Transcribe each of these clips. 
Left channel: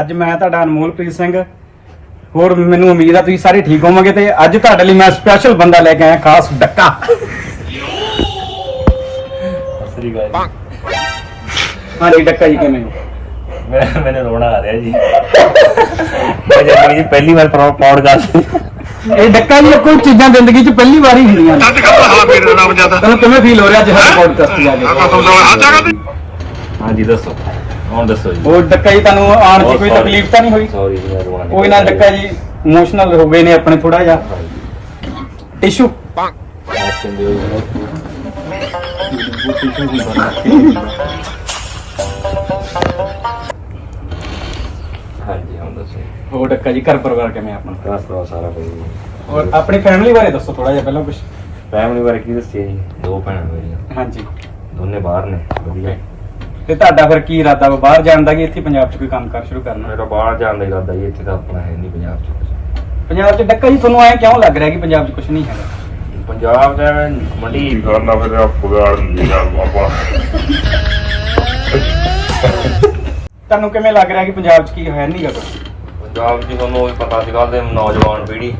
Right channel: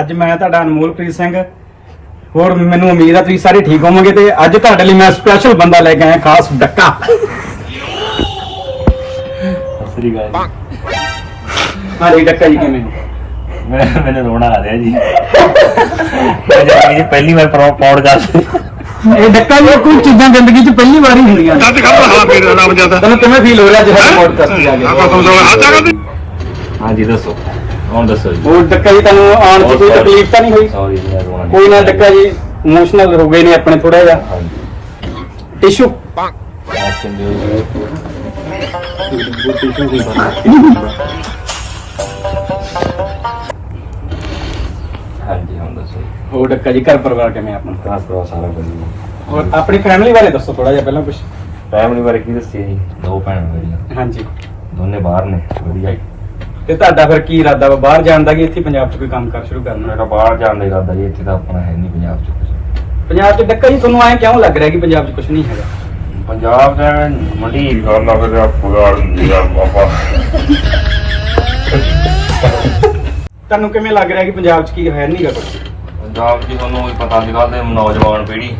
ਅੱਜ ਮੈਂ ਤੁਹਾਡਾ ਅਨਮੋਲਪ੍ਰੀਤ ਸਿੰਘ। ਹੋਰ ਮੈਨੂੰ ਉਮੀਦ ਆ ਤੁਸੀਂ ਸਾਰੇ ਠੀਕ ਹੋਵੋਗੇ ਤੇ ਅੱਜ ਤੁਹਾਡੇ ਲਈ ਮੈਂ ਸਪੈਸ਼ਲ ਬੰਦਾ ਲੈ ਕੇ ਆਇਆ ਖਾਸ ਡੱਕਾ। ਸ੍ਰੀ ਗਾਇ ਹਾਂਜੀ ਡੱਕਾ ਜੀ ਕਿਵੇਂ? ਮੈਂ ਮੈਨੂੰ ਰੋਣਾ ਆ ਰਿਹਾ ਜੀ। ਮੈਂ ਜ਼ਿੰਦਗੀ 'ਚ ਪਹਿਲੀ ਵਾਰ ਪੌਡਕਾਸਟ ਇਹ ਡੱਕਾ ਜੀ ਕੋਈ ਚੀਜ਼ਾਂ ਜ਼ਿੰਦਗੀ 'ਚ ਪਹਿਲੀ ਵਾਰ ਹੀ ਹੁੰਦੀਆਂ ਨੇ। ਅੱਜ ਕੱਲ ਹਾਂ ਫੇਰ ਦਾ ਨਾਮ ਜ਼ਿਆਦਾ। ਤੈਨੂੰ ਕਿਵੇਂ ਫੀਲ ਹੋ ਰਿਹਾ ਜਦੋਂ ਪੋਡਕਾਸਟ ਜਾ ਆ ਜਾ ਕਰ ਹਾਂਜੀ ਦੱਸੋ। ਕੌਣ ਦੱਸੋ ਜੀ। ਉਹ ਡੱਕਾ ਜੀ ਤੁਹਾਨੂੰ ਆਉਣ 'ਚ ਕੋਈ ਤਕਲੀਫ ਤਾਂ ਨਹੀਂ ਹੋਈ? ਸੌਰੀ ਜੀ ਮੈਂ ਰੋਣਾ ਨਹੀਂ ਕੋਈ ਨਾ ਡੱਕਾ ਜੀ ਇਮੋਸ਼ਨਲ ਹੋ ਗਏ ਨੇ ਆਪਣੇ ਥੋੜਾ ਜਿਹਾ। ਹਾਂਜੀ। ਟਿਸ਼ੂ ਐਕਸ਼ਨ ਦਿਓ ਜੀ ਹਾਂਜੀ ਹਾਂ ਦੱਸੋ ਹੋਰ ਡੱਕਾ ਜੀ ਘਰ ਪਰਿਵਾਰ ਕਿਵੇਂ ਆਪਣਾ? ਕਾਸ ਤੋਂ ਸਾਰਾ ਵਧੀਆ ਔਰ ਆਪਣੀ ਫੈਮਿਲੀ ਬਾਰੇ ਦੱਸੋ ਥੋੜਾ ਜਿਹਾ ਪਹਿਲਾਂ ਕੁਝ ਫੈਮਿਲੀ ਬਾਰੇ ਕੀ ਦੱਸਿਆ ਜੀ? ਦੋ ਭੈਣਾਂ ਮੇਰੀਆਂ। ਹਾਂਜੀ। ਦੋਨੇ ਬਾਹਰ ਨੇ ਵਧੀਆ। ਤੇ ਤੁਹਾਡਾ ਫਿਰ ਕੀ ਇਰਾਦਾ ਵਾ? ਬਾਹਰ ਜਾਣ ਦਾ ਕਿ ਇੱਥੇ ਪੰਜਾਬ 'ਚ ਕੋਈ ਕੰਮ ਕਰ ਸ਼ੁਰੂ ਕਰਨਾ? ਮੇਰਾ ਬਾਹਰ ਜਾਣ ਦਾ ਇਰਾਦਾ ਜੀ ਇੱਥੇ ਤਾਂ ਆਪਣਾ ਹੈ ਨਹੀਂ ਪੰਜਾਬ 'ਚ। ਪੰਜਾਬ 'ਚ ਡੱਕਾ ਜੀ ਤੁਹਾਨੂੰ ਐਂ ਕਿਉਂ ਲੱਗ ਰਿਹਾ ਕਿ ਪੰਜਾਬ 'ਚ ਕੁਝ ਨਹੀਂ ਹੈਗਾ? ਪੰਜਾਬ ਦਾ ਮੰਡੀ ਕਰਨਾ ਫਿਰ ਆਪਗਾੜ ਲਿਆ ਆਪਾਂ ਤੁਹਾਨੂੰ ਕਿਵੇਂ ਲੱਗ ਰਿਹਾ ਕਿ ਪੰਜਾਬ 'ਚ ਕੀ ਹੈ ਨਹੀਂਗਾ ਕੁਝ ਪੰਜਾਬ 'ਚ ਤੁਹਾਨੂੰ ਵੀ ਪਤਾ ਸੀਗਾ ਤੇ ਨੌਜਵਾਨ ਪੀੜ੍ਹੀ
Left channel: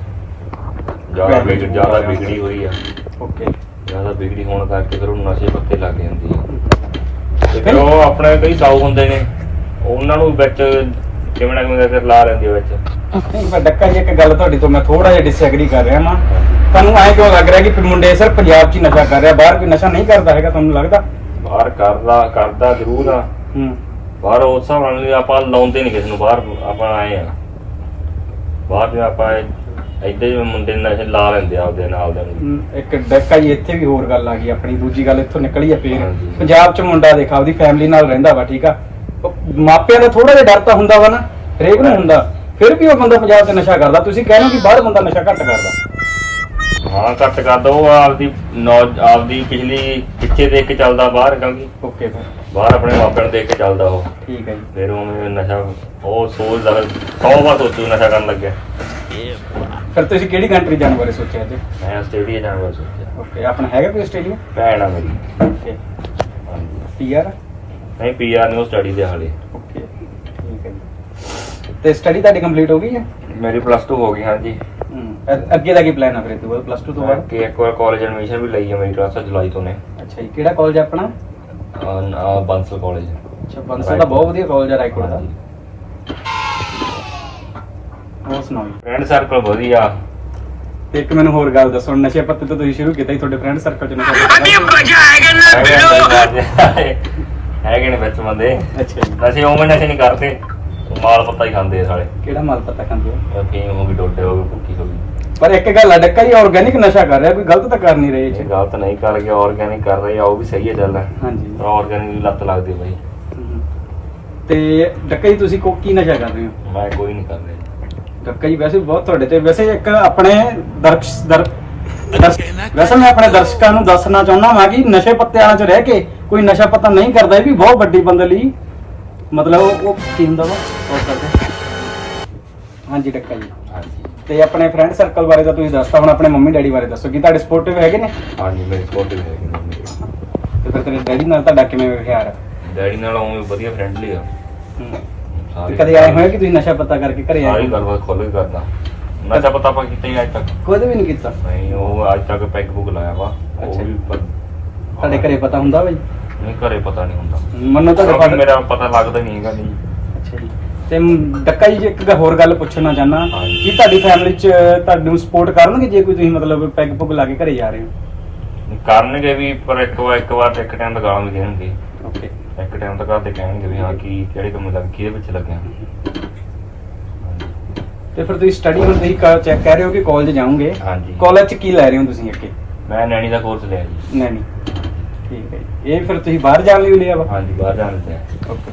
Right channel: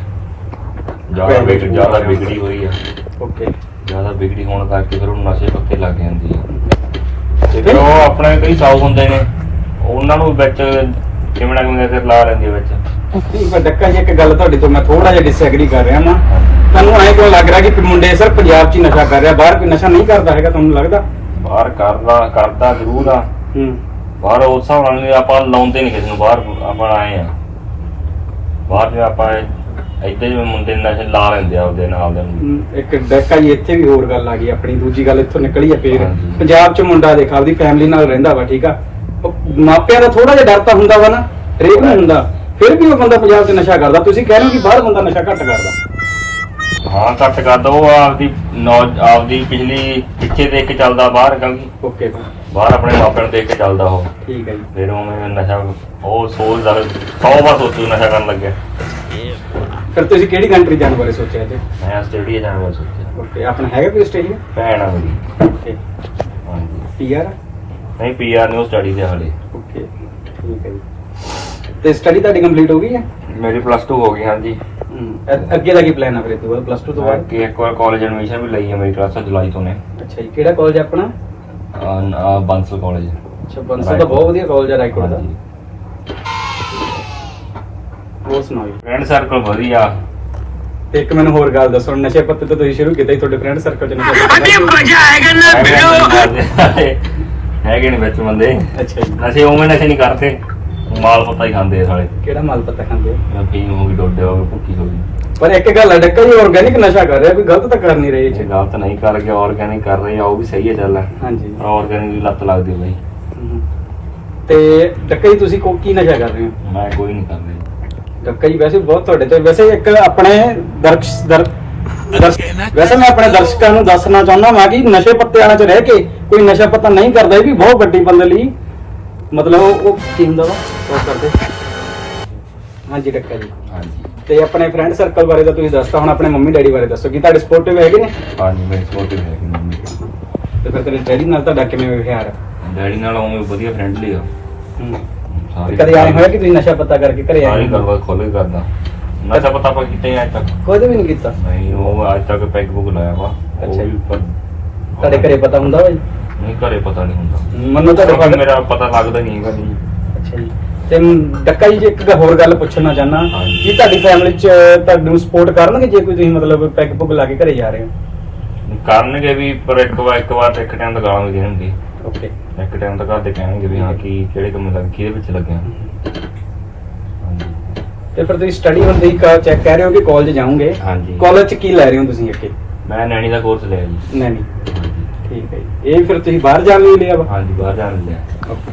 ਜ਼ਿਆਦਾ ਵਿਗੜ ਜ਼ਿਆਦਾ ਵਿਗੜੀ ਹੋਈ ਆ। ਓਕੇ। ਜ਼ਿਆਦਾ ਵਿਗੜੀ ਹੋਣ ਕਰਕੇ ਫਿਰ ਉਹ ਨਸ਼ੇ ਪੱਤੇ ਲੱਗ ਜਾਂਦੀ ਆ। ਤੇ ਫਿਰ ਉਹ ਆਪਣੇ ਕਈ ਸਾਊ ਹੁੰਦੇ ਨੇ ਉਹਨਾਂ ਨੂੰ ਵਿੱਚ ਨਾ ਕਿਵੇਂ ਫਿਰ ਲਾ ਲੈਂਦੇ ਵਿੱਚ। ਨਹੀਂ ਪਰ ਡੱਕਾ ਜੀ ਇੱਕ ਗੱਲ ਤੁਹਾਡੀ ਤੋਂ ਮੈਂ ਥੋੜਾ ਜਿਹਾ ਡਿਸਐਗਰੀ ਕਰ ਰਿਹਾ ਨਾ ਤੁਹਾਨੂੰ ਐਂ ਕਿਉਂ ਲੱਗ ਰਿਹਾ ਕਿ ਮੁੰਡੇ ਸਰ ਪੰਜਾਬ 'ਚ ਹੀ ਨਸ਼ਾ ਕਰ ਰਿਹਾ ਬਾਹਰ ਕੋਈ ਨਸ਼ਾ ਨਹੀਂ ਕਰਦਾ ਹੈਗਾ ਤੁਹਾਨੂੰ ਲੱਗਦਾ? ਬਾਹਰ ਕਰਦਾ ਕਰਦਾ ਜ਼ਰੂਰ ਆ। ਹੂੰ। ਬਾਹਰ ਉਸ ਹਿਸਾਬ ਨਾਲ ਆਪਾਂ ਲਾਉਂਦੇ ਨਹੀਂ ਕਿਸੇ ਨੂੰ ਬਾਹਰ ਆਪਾਂ ਆਏ ਆ। ਬਾਹਰ ਵੀ ਆਪਾਂ ਏਦਾਂ ਹੀ ਮੁੰਡੇ ਨਸ਼ੇ ਲਾ ਲੈਂਦੇ ਆ ਉਹਦੇ ਨਾਲ ਦੇ। ਨੂੰ। ਹਮ, ਇੱਕ ਡੱਕਾ ਜੀ ਇੱਥੇ ਵੀ ਹੋਰ ਗੱਲ ਆ ਗਈ ਆਪਣੀ ਦੂਜੀ ਗੱਲ ਇੱਥੋਂ ਨਿਕਲੀ ਆ ਫੇਰ। ਹਾਂਜੀ। ਪੰਜਾਬ 'ਚ ਮੁੰਡਾ ਦੇਖ ਆਪਦੀ ਫੈਮਿਲੀ ਨਾਲ ਰਹਿੰਦਾ ਵਾ ਠੀਕ ਆ? ਉਹ ਮਾਪਿਆਂ ਦਾ ਥੋੜਾ ਜਿਹਾ ਡਰ ਤਾਂ ਹੁੰਦਾ ਵਾ ਨਾ ਹਰੇਕ ਨੂੰ ਹੁੰਦਾ। ਫਿਰ ਵੀ ਉਹ ਬੰਦਾ ਪੰਜਾਬ 'ਚ ਨਸ਼ਾ ਕਰਦਾ ਤੁਸੀਂ ਕਹਿੰਦੇ ਕਿ ਬਾਹਰ ਬੰਦਾ ਨਸ਼ਾ ਘੱਟ ਕਰਦਾ। ਹਾਂ ਘੱਟ ਕਰਦਾ ਉਹ ਆਪਦੀ ਨੌ- ਆਪਦੀ ਪਿਛਲੀ ਪਿੱਛੇ ਦੇਖ ਕੇ ਚੱਲਦਾ ਬਾਹਰ ਕਿਉਂਕਿ ਓਕੇ ਬਾਹਰ ਆਪਣੇ ਮਾਪਿਆਂ ਨੂੰ ਦੇਖ ਕੇ ਚੱਲਦਾ ਉਹ। ਠੀਕ ਹੈ ਜੀ। ਫਿਰ ਉਹਨੇ ਨਸ਼ਾ ਉਹ ਸੋਚਦਾ ਸੌ ਵਾਰ ਸੋਚੂ ਨਸ਼ਾ ਕਰਨ ਲੱਗਿਆ। ਫਿਰ ਤੁਸੀਂ ਕਿਹੜੀ ਕੰਟਰੀ ਜਾਣ ਬਾਰੇ ਸੋਚਿਆ ਜੀ ਮੈਂ ਆਸਟ੍ਰੇਲੀਆ ਜਾਣ ਦਾ ਸੋਚਿਆ। ਓਕੇ ਆਪਣਾ ਹੈਗਾ ਕੋਈ ਆਸਟ੍ਰੇਲੀਆ? ਭੈਣ ਆ ਮੇਰੀ। ਓਕੇ। ਹਾਂਜੀ। ਪੀਆਰ ਨਹੀਂ ਪੀਆਰ ਨੂੰ ਸਟੱਡੀ ਦੇ ਹਾਲੇ। ਓਕੇ ਠੀਕ ਹੈ ਜੀ। ਤੇ ਸਟੱਡੀ ਤੁਹਾਡੀ ਕੰਪਲੀਟ ਹੋ ਗਈ ਹੈ? ਮੇਰੀ ਪਲੱਸ 2 ਹੋ ਗਈ ਹਾਂਜੀ। ਹਮ, ਅ- ਅੱਗੇ ਦਾ ਕੀ ਪਲਾਨ ਆ ਫਿਰ ਇਹਦੇ ਬਾਅਦ ਪਲੱਸ 2 ਤੋਂ ਬਾਅਦ? ਕਿ ਇੱਕ ਵਾਰ ਕਾਲਜ ਐਡਮਿਸ਼ਨ ਵੀ ਲਈ ਹੈ ਮੇਰੀ ਕਲਾਸ ਜੁਲਾਈ ਤੋਂ ਨੇ। ਅੱਛਾ ਜੀ ਕਿਹੜਾ ਕਾਲਜ ਆਪਣਾ? ਆ ਬੰਸਲ ਕਾਲਜ ਅੱਛਾ ਬੰਸਲ ਦਾ ਬਹੁਤ ਵਧੀਆ ਕਾਲਜ ਆ ਰਾਈਕੋਟ ਦਾ। ਹਾਂਜੀ। ਹੋਰ ਸੁਣਾਓ ਜੀ। ਫਰੈਂਡ ਸਰਕਲ ਵਧੀਆ। ਤੇ ਇੱਕ ਮੈਨੂੰ ਹੋਰ ਗੱਲ ਦੱਸੋ ਨਸ਼ੇ ਪੱਤੇ ਤੋਂ ਤੁਸੀਂ ਸ਼ੁਰੂ ਕੀਤਾ ਸੀ ਤੁਹਾਡੇ ਫਰੈਂਡ ਸਰਕਲ ਚ ਨਸ਼ਾ ਹੈਗੇ ਹੈਗੇ ਨੇ ਵਿੱਚ ਬੰਦੇ। ਅੱਛਾ ਜੀ। ਨਸ਼ੇ ਉਵੇਂ ਨਸ਼ੇ ਨਹੀਂ ਕਰਦੇ। ਮਾਲ ਪੱਤਾ ਹੀ ਖਾਂਦੇ ਆ ਸਾਲੇ। ਕਿਹੜਾ ਮਾਲ ਪੱਤਾ ਖਾਂਦੇ ਹੋ ਫੀਮ ਹੋ ਗਈ ਡੋਡੇ ਹੋ ਗਏ ਭੁੱਕੀ ਹੋ ਗਈ। ਪਰ ਇੱਕ ਗੱਲ ਆ ਡੱਕਾ ਜੀ ਆਰਗੈਨਿਕ ਨਸ਼ਾ ਕਰ ਰਿਹਾ ਕੋਈ ਗਲਤ ਤਾਂ ਕਰ ਨਹੀਂ ਰਹੇ ਇਹ ਇਹ ਚ ਗਲਤ ਨਹੀਂ ਕਰ ਗਿਆ ਆਰਗੈਨਿਕ ਕਰ ਰਹੇ ਆ ਉਹ ਵੀ ਸਹੀ ਹੈ ਚੱਲ। ਹਾਂਜੀ। ਪਰ ਆਰਗੈਨਿਕ ਦੀ ਲੱਤ ਲੱਗਦੀ ਬਈ। ਹਮ। ਤੇ ਡੱਕਾ ਜੀ ਤੁਸੀਂ ਕੋ ਕੀ ਨਸ਼ਾ ਕਰ ਰਹੇ ਹੋ? ਮੈਂ ਕੋਈ ਨਹੀਂ ਕਰ ਰਿਹਾ। ਜੀ ਵੈਸੇ ਬਹੁਤ ਤੁਹਾਡੇ ਤੇ ਵੈਸੇ ਇੱਕ ਆਪਣੇ ਦਰਸ਼ ਦਰ ਦਰਸ਼- ਵੈਸੇ ਮੈਂ ਆਪਣੇ ਦਰਸ਼ਕਾਂ ਨੂੰ ਦੱਸਣਾ ਚਾਹੁੰਦਾ ਹਾਂ ਕਿ ਨਸ਼ੇ ਪੱਤੇ ਵਾਲਿਆਂ 'ਚ ਰਹਿ ਕੇ ਕੋਈ ਨਸ਼ਾ ਪੱਤਾ ਨਹੀਂ ਕਰਦਾ ਇਹ ਵੀ ਬਹੁਤ ਵੱਡੀ ਬੰਦੇ ਲਈ ਮਤਲਬ ਉਹ ਉਹ ਵਾ ਉਹ ਕਰਦੇ। ਹਾਂਜੀ ਡੱਕਾ ਜੀ। ਹਾਂਜੀ। ਤੇ ਆਪਣੇ ਫਰੈਂਡ ਸਰਕਲ ਬਾਰੇ ਤਾਂ ਤੁਸੀਂ ਦੱਸਤਾ ਹੁਣ ਆਪਣੇ ਮੰਮੀ ਡੈਡੀ ਬਾਰੇ ਦੱਸੋ ਕਿ ਤੁਹਾਡੇ ਸਪੋਰਟਿਵ ਹੈਗੇ ਨੇ? ਹਾਂਜੀ ਮੇਰੇ ਸਪੋਰਟਿਵ ਹੈ ਮੰਮੀ। ਤੇ ਫਿਰ ਤੇਰੇ ਡੈਡੀ ਨਾਲ ਤੁਹਾਡਾ ਕਿਵੇਂ ਵਿਵਹਾਰ ਹੈ? ਡੈਡੀ ਨਾਲ ਉਵੇਂ ਵਧੀਆ ਫਰੈਂਡਲੀ ਆ। ਹਮ। ਸਾਰੀ ਕਦੇ ਆਏ ਹੋਇਆ ਕਿ ਤੁਸੀਂ ਨਸ਼ਾ ਪੱਤਾ ਕਰਕੇ ਘਰੇ ਆਏ ਗੱਲਬਾਤ ਖੋਲ ਕੇ ਕਰਦਾ। ਨਸ਼ਾ ਪਤਾ ਆਪਾਂ ਕਿਤੇ ਨਹੀਂ ਅੱਜ ਤੱਕ। ਕਦੇ ਵੀ ਨਹੀਂ ਕੀਤਾ? ਨਹੀਂ ਉਹ ਅੱਜ ਤੱਕ ਪੈਗ ਬੁੱਕ ਲਾਇਆ ਵਾ। ਉਹ ਅੱਛਾ। ਵੀ ਜੀ। ਪਰ ਤੁਹਾਡੇ ਘਰੇ ਪਤਾ ਹੁੰਦਾ ਵਾ ਜੀ? ਨਹੀਂ ਘਰੇ ਪਤਾ ਨਹੀਂ ਹੁੰਦਾ। ਮੰਨੋ ਤੁਹਾਡੇ ਕਿਉਂਕਿ father- ਮੇਰਾ ਪਤਾ ਲੱਗਦਾ ਨਹੀਂ ਹੈਗਾ ਨਹੀਂ ਅੱਛਾ ਜੀ। ਤੇ ਡੱਕਾ ਜੀ ਇੱਕ ਗ- ਹੋਰ ਗੱਲ ਪੁੱਛਣਾ ਚਾਹਨਾ ਹਾਂਜੀ। ਕਿ ਤੁਹਾਡੀ ਫੈਮਿਲੀ ਚ ਤੁਹਾਨੂੰ ਸਪੋਰਟ ਕਰਨਗੇ ਜੇ ਕੋਈ ਤੁਸੀਂ ਮਤਲਬ ਪੈਗ ਪੁਗ ਲਾ ਕੇ ਘਰੇ ਜਾ ਰਹੇ ਹੋ? ਕਰਨਗੇ ਵੀ ਪਰ ਇੱਕ ਵਾਰ ਇੱਕ ਵਾਰ ਤਾਂ ਗਾਲਾਂ ਵੀ। ਦੇਣਗੇ ਓਕੇ। ਇੱਕ ਟਾਈਮ ਤਾਂ ਘਰ ਦੇ ਕਹਿਣਗੇ ਵੀ ਹਾਂ ਕੀ ਕਿਹੜੇ ਕੰਮ ਲੱਗ ਕਿਹਦੇ ਵਿੱਚ ਲੱਗੇ। ਤੇ ਫਿਰ ਤੁਸੀਂ ਸਟੱਡੀ ਹੁਣ ਤੁਸੀਂ ਚੈੱਕ ਕਹਿ ਰਹੇ ਹੋ ਕਿ ਕਾਲਜ ਜਾਓਗੇ? ਹਾਂਜੀ। ਕਾਲਜ ਚ ਕੀ ਲੈ ਰਹੇ ਹੋ ਤੁਸੀਂ ਅੱਗੇ? ਮੈਂ ਨੈਣੀ ਦਾ ਕੋਰਸ ਲਿਆ ਜੀ। ਨਹੀਂ ਨਹੀਂ ਠੀਕ ਹੈ ਜੀ। ਇਹ ਫਿਰ ਤੁਸੀਂ ਬਾਹਰ ਜਾਣ ਲਈ ਲਿਆ ਵਾ? ਹਾਂਜੀ ਬਾਹਰ ਜਾਣ ਲਿਆ। ਓਕੇ।